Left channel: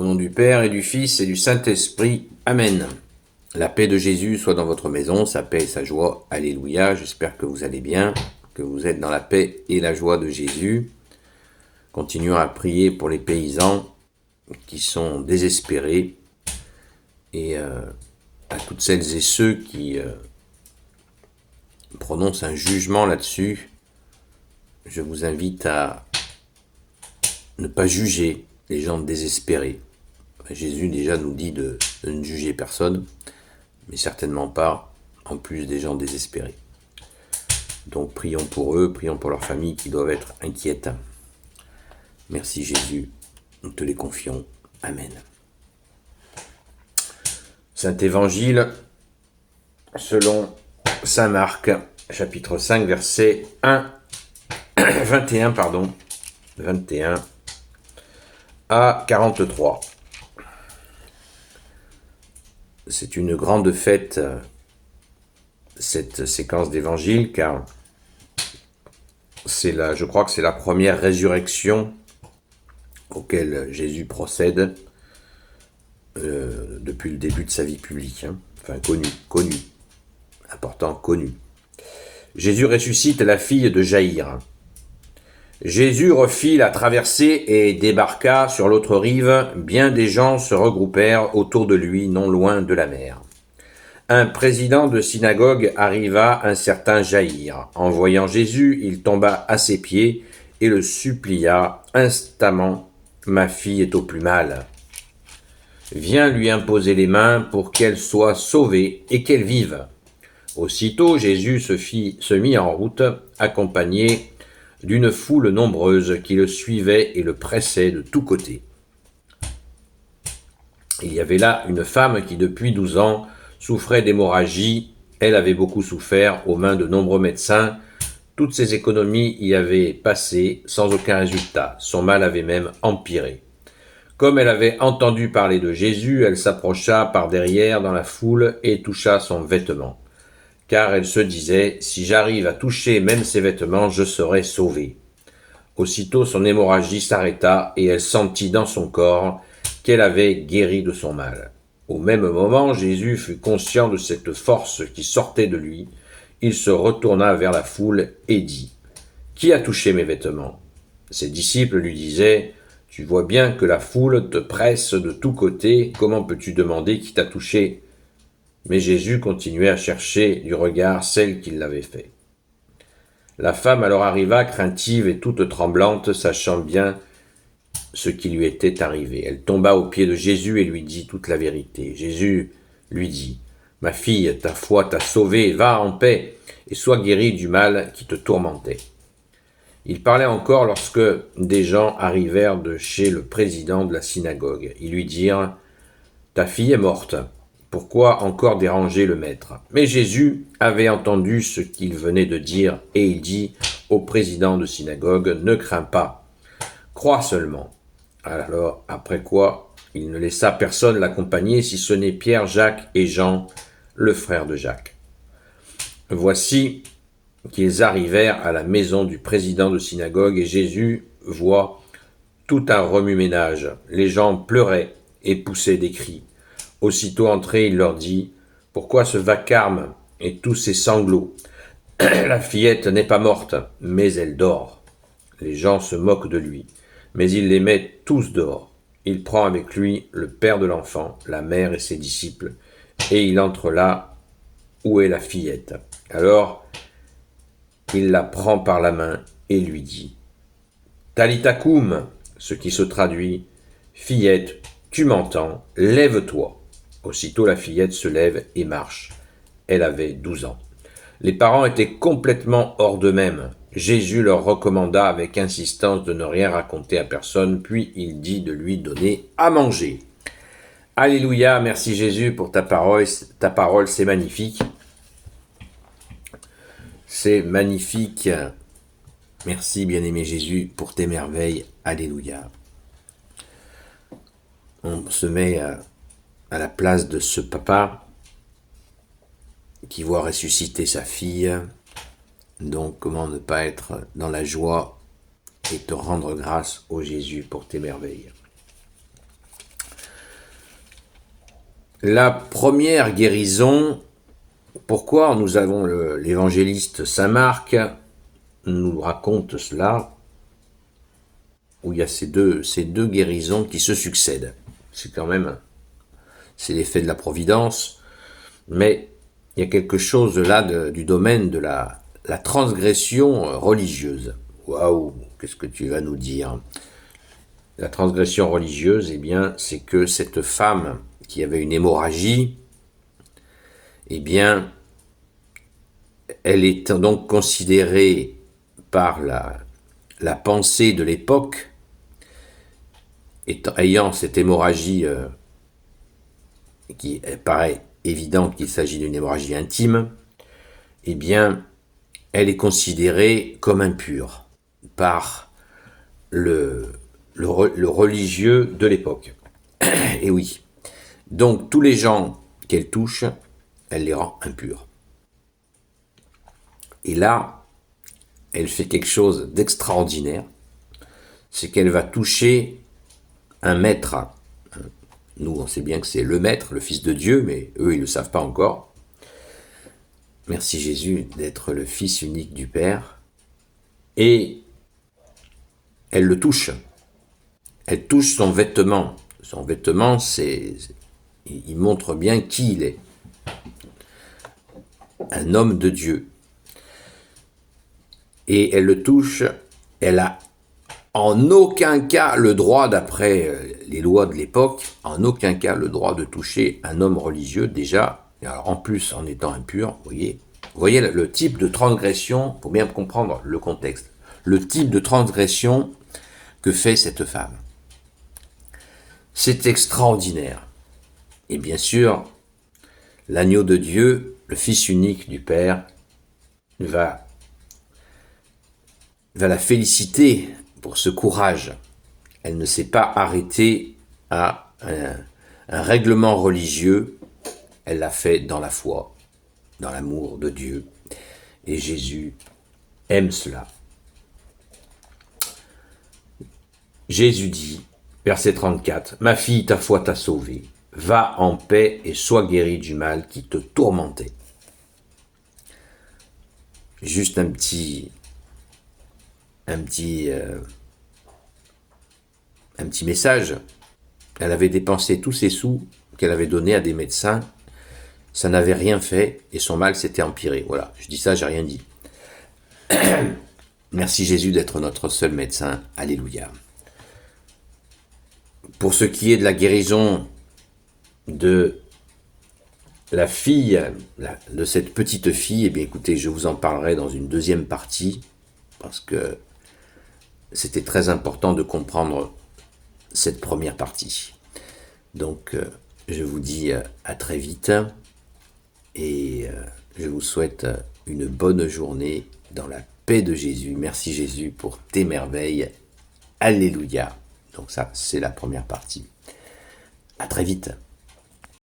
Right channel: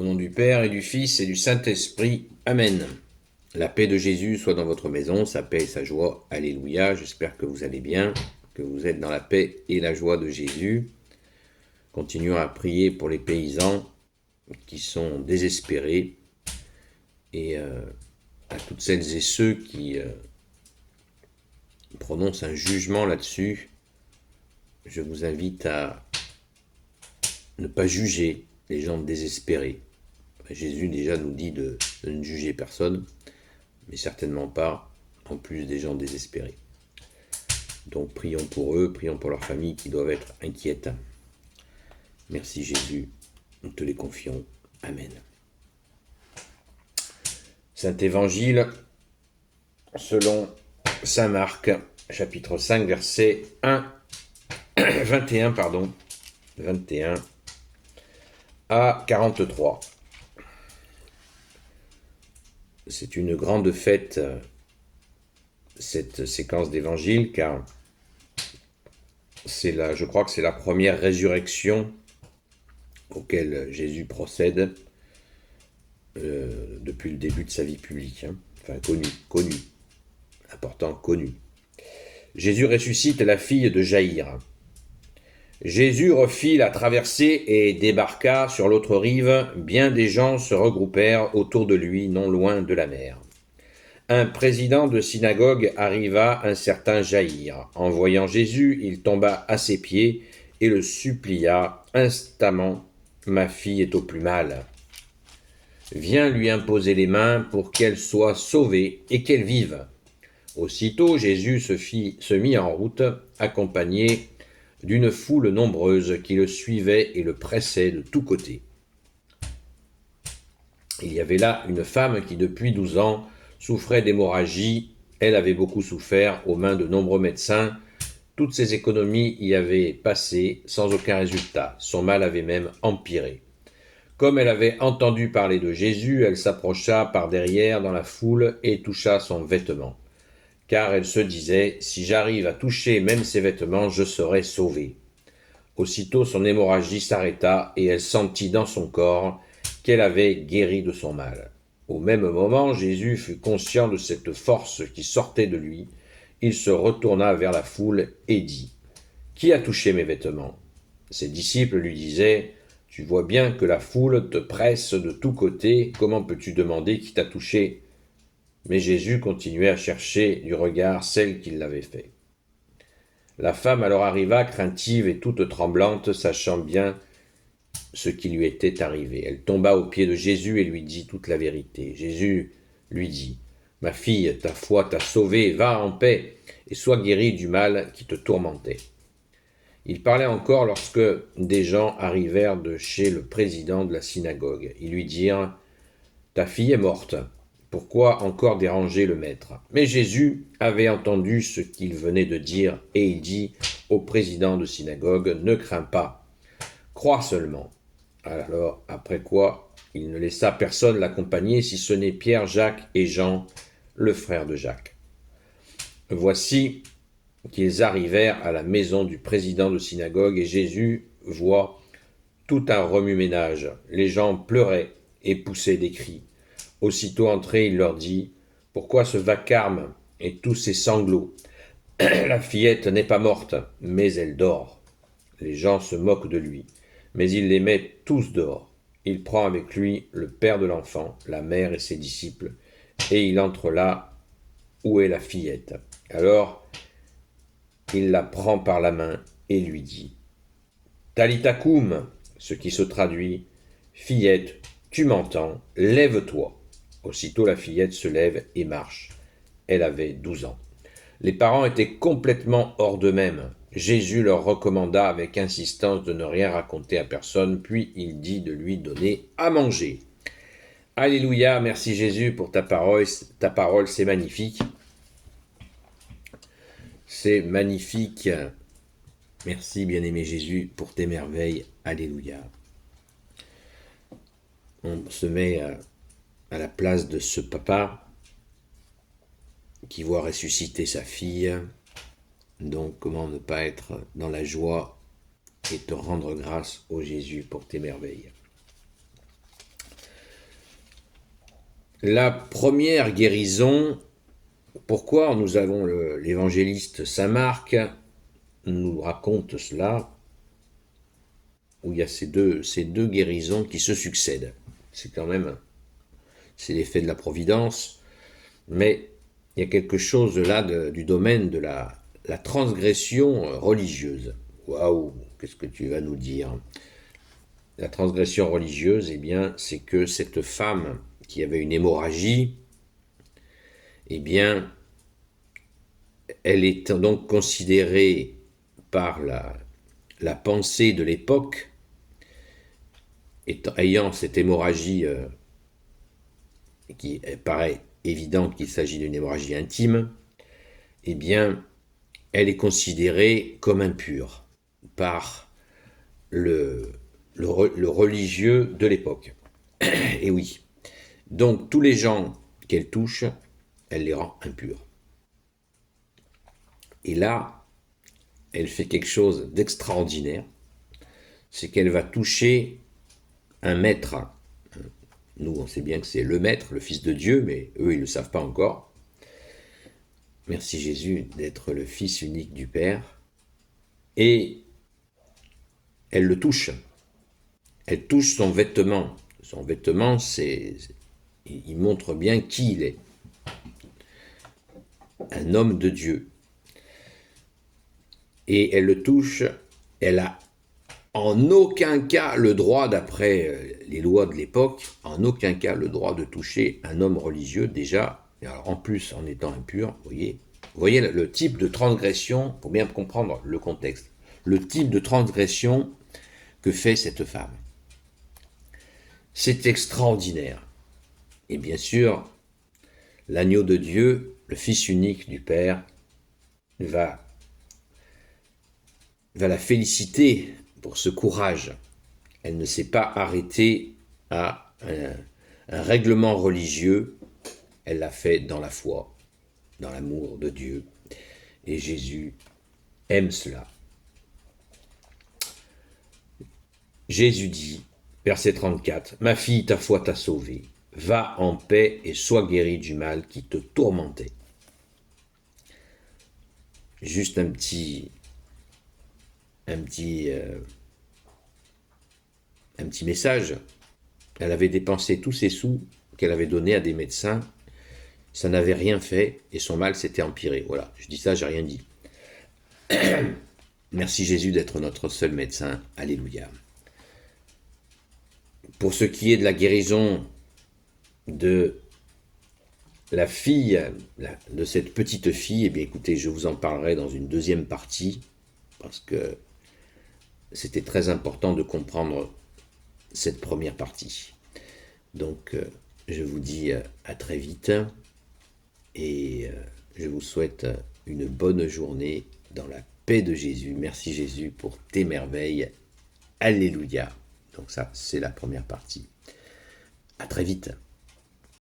Au nom du Père et du Fils et du Saint-Esprit. Amen. La paix de Jésus soit dans votre maison, sa paix et sa joie. Alléluia. J'espère que vous allez bien, que vous êtes dans la paix et la joie de Jésus. Continuons à prier pour les paysans qui sont désespérés et à toutes celles et ceux qui prononcent un jugement là-dessus. Je vous invite à ne pas juger les gens désespérés. Jésus déjà nous dit de ne juger personne, mais certainement pas en plus des gens désespérés. Donc prions pour eux, prions pour leurs familles qui doivent être inquiètes. Merci Jésus, nous te les confions. Amen. Saint Évangile selon Saint Marc, chapitre 5, verset 21 à 43. C'est une grande fête, cette séquence d'évangile, car je crois que c'est la première résurrection auquel Jésus procède depuis le début de sa vie publique. Enfin, connu. Important, connu. Jésus ressuscite la fille de Jaïr. Jésus refit la traversée et débarqua sur l'autre rive. Bien des gens se regroupèrent autour de lui, non loin de la mer. Un président de synagogue arriva, un certain Jaïr. En voyant Jésus, il tomba à ses pieds et le supplia instamment. « Ma fille est au plus mal. Viens lui imposer les mains pour qu'elle soit sauvée et qu'elle vive. » Aussitôt, Jésus se mit en route, accompagné d'une foule nombreuse qui le suivait et le pressait de tous côtés. Il y avait là une femme qui depuis 12 ans souffrait d'hémorragie. Elle avait beaucoup souffert aux mains de nombreux médecins. Toutes ses économies y avaient passé sans aucun résultat. Son mal avait même empiré. Comme elle avait entendu parler de Jésus, elle s'approcha par derrière dans la foule et toucha son vêtement. Car elle se disait, si j'arrive à toucher même ses vêtements, je serai sauvée. Aussitôt son hémorragie s'arrêta et elle sentit dans son corps qu'elle avait guéri de son mal. Au même moment, Jésus fut conscient de cette force qui sortait de lui. Il se retourna vers la foule et dit, « Qui a touché mes vêtements ?» Ses disciples lui disaient, « Tu vois bien que la foule te presse de tous côtés, comment peux-tu demander qui t'a touché ?» Mais Jésus continuait à chercher du regard celle qui l'avait fait. La femme alors arriva, craintive et toute tremblante, sachant bien ce qui lui était arrivé. Elle tomba aux pieds de Jésus et lui dit toute la vérité. Jésus lui dit, « Ma fille, ta foi t'a sauvée, va en paix et sois guérie du mal qui te tourmentait. » Il parlait encore lorsque des gens arrivèrent de chez le président de la synagogue. Ils lui dirent, « Ta fille est morte. Pourquoi encore déranger le maître ?» Mais Jésus avait entendu ce qu'il venait de dire et il dit au président de synagogue, « Ne crains pas, crois seulement. » Alors, après quoi, il ne laissa personne l'accompagner si ce n'est Pierre, Jacques et Jean, le frère de Jacques. Voici qu'ils arrivèrent à la maison du président de synagogue et Jésus voit tout un remue-ménage. Les gens pleuraient et poussaient des cris. Aussitôt entré, il leur dit, « Pourquoi ce vacarme et tous ces sanglots ? La fillette n'est pas morte, mais elle dort. » Les gens se moquent de lui, mais il les met tous dehors. Il prend avec lui le père de l'enfant, la mère et ses disciples, et il entre là où est la fillette. Alors, il la prend par la main et lui dit, « Talita koum », ce qui se traduit, « Fillette, tu m'entends, lève-toi ». Aussitôt la fillette se lève et marche. Elle avait 12 ans. Les parents étaient complètement hors d'eux-mêmes. Jésus leur recommanda avec insistance de ne rien raconter à personne, puis il dit de lui donner à manger. Alléluia, merci Jésus pour ta parole, c'est magnifique. C'est magnifique. Merci bien-aimé Jésus pour tes merveilles. Alléluia. On se met à la place de ce papa qui voit ressusciter sa fille. Donc, comment ne pas être dans la joie et te rendre grâce, ô Jésus, pour tes merveilles. La première guérison, pourquoi nous avons l'évangéliste Saint Marc nous raconte cela, où il y a ces deux guérisons qui se succèdent. C'est quand même, c'est l'effet de la providence, mais il y a quelque chose là du domaine de la transgression religieuse. Waouh, qu'est-ce que tu vas nous dire? La transgression religieuse, eh bien, c'est que cette femme qui avait une hémorragie, eh bien, elle est donc considérée par la pensée de l'époque, ayant cette hémorragie qui paraît évident qu'il s'agit d'une hémorragie intime, eh bien, elle est considérée comme impure par le religieux de l'époque. Et oui. Donc, tous les gens qu'elle touche, elle les rend impurs. Et là, elle fait quelque chose d'extraordinaire, c'est qu'elle va toucher un maître. Nous, on sait bien que c'est le maître, le Fils de Dieu, mais eux, ils ne le savent pas encore. Merci Jésus d'être le Fils unique du Père. Et elle le touche. Elle touche son vêtement. Son vêtement, il montre bien qui il est. Un homme de Dieu. Et elle le touche, elle a en aucun cas le droit, d'après les lois de l'époque, en aucun cas le droit de toucher un homme religieux déjà, alors en plus en étant impur, vous voyez le type de transgression, pour bien comprendre le contexte, le type de transgression que fait cette femme. C'est extraordinaire. Et bien sûr, l'agneau de Dieu, le Fils unique du Père, va la féliciter pour ce courage. Elle ne s'est pas arrêtée à un règlement religieux, elle l'a fait dans la foi, dans l'amour de Dieu. Et Jésus aime cela. Jésus dit, verset 34, « Ma fille, ta foi t'a sauvée. Va en paix et sois guérie du mal qui te tourmentait. » Juste un petit message. Elle avait dépensé tous ses sous qu'elle avait donnés à des médecins. Ça n'avait rien fait et son mal s'était empiré. Voilà, je dis ça, j'ai rien dit. Merci Jésus d'être notre seul médecin. Alléluia. Pour ce qui est de la guérison de la fille, de cette petite fille, eh bien écoutez, je vous en parlerai dans une deuxième partie, parce que c'était très important de comprendre cette première partie. Donc, je vous dis à très vite, et je vous souhaite une bonne journée dans la paix de Jésus. Merci Jésus pour tes merveilles. Alléluia. Donc ça, c'est la première partie. À très vite.